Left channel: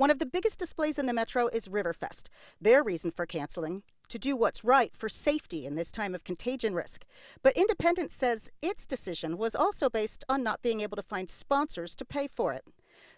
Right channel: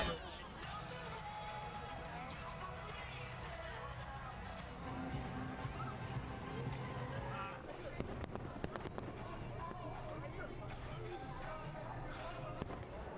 One of the biggest displays in the metro is Riverfest. Their reason for canceling: to do what's right for safety in this time of contagion risk. But Independence says its decision was also based on not being able to find sponsors to pay for it.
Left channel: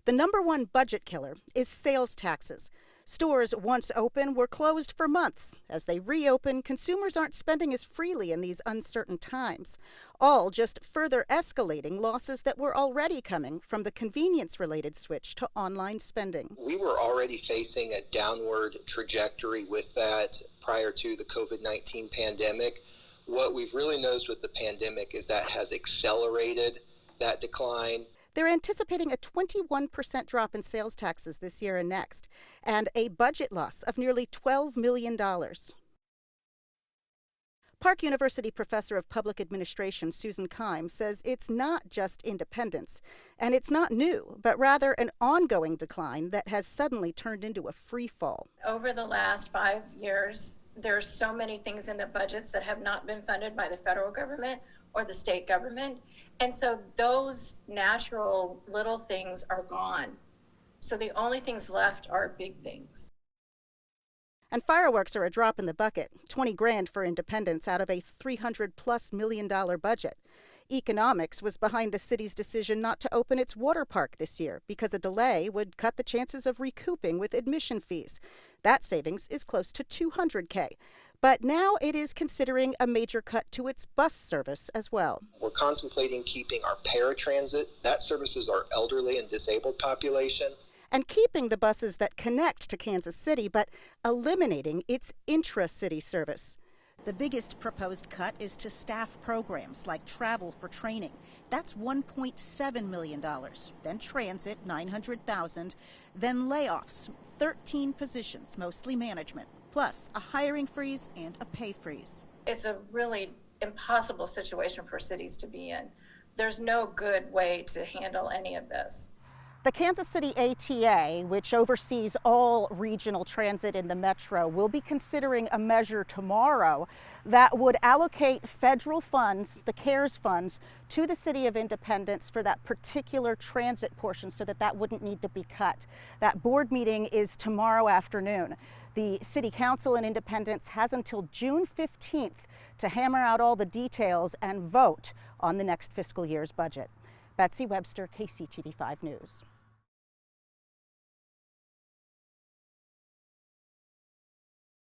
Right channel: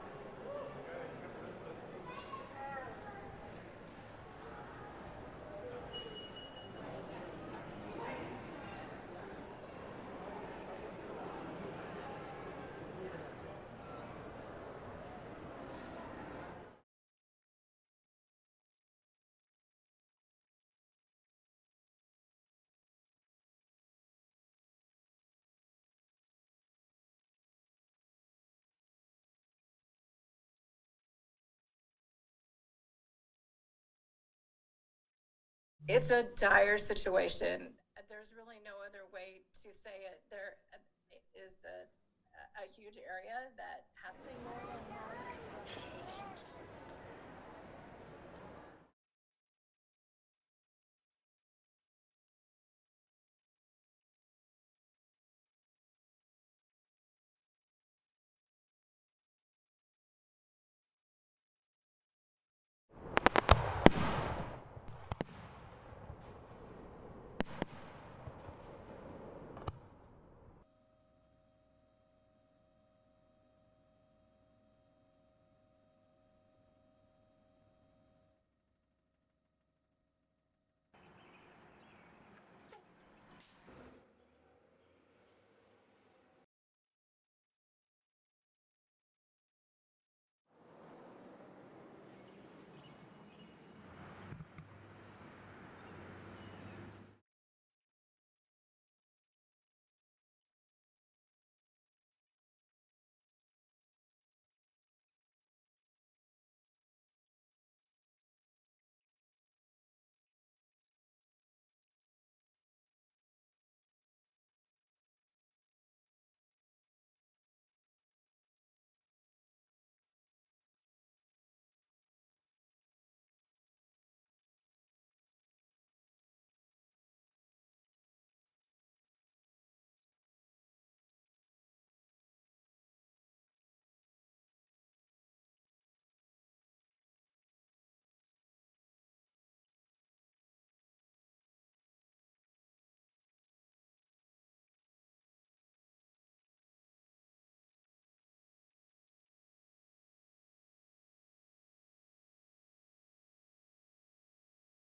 The number one budget killer is sales taxes. Stores once open were closed for months. As they reopen, consumers aren't spending as freely in these uncertain times, all just further escalating losses that were already coming from the convenience-related switch to online spending. We were already facing a downward trajectory with that prior to the COVID-19 pandemic. What we've really noticed with the pandemic is that has accelerated that decline. They're anticipating a 21% drop in sales taxes this year and next, and a budget loss of nearly $12 million. It's a dire situation. Park University professor of public administration Susan Keim says it's not just Independence, and it's not new, but rather an ongoing decline that has suddenly turned into a free fall. Over the last 5 years, there are so many things in the budgets that have not been funded by the federal government or the state government. And so those natural little things are gone. So the only things left are big things. And fireworks are a drop in the bucket, 20 grand for Independence out of a $300+ million budget. Economics was behind the city's decision not to open its water park this year because a delay would cut the chances of recouping with admission fees. That savings is close to $200K. But now it is considering a major cut to its bus service as well. We're contemplating keeping our paratransit. That services our elderly and disabled population. And keeping the buses that connect to Kansas City, but eliminating its intra-city service. The biggest proposed cut is to staff programs like travel for training. That's $1.7 million. Then transit, $900,000. Then layoffs, 13 positions, mostly management, plus a hiring freeze and a pay freeze. It's a really impossible situation for cities to be in. There's no good way to handle any of this. The Kansas City ATA, which oversees all regional transit in the metro, will be considering a measure tomorrow that would allocate federal funds, the CARES funds, to the City of Independence for that particular transit portion so that that wouldn't need to be cut. That board meeting is tomorrow afternoon. The City Council in Independence has until June 15th to hammer out all the details and vote on the next fiscal year's budget. Betsy Webster, KCTV5 News.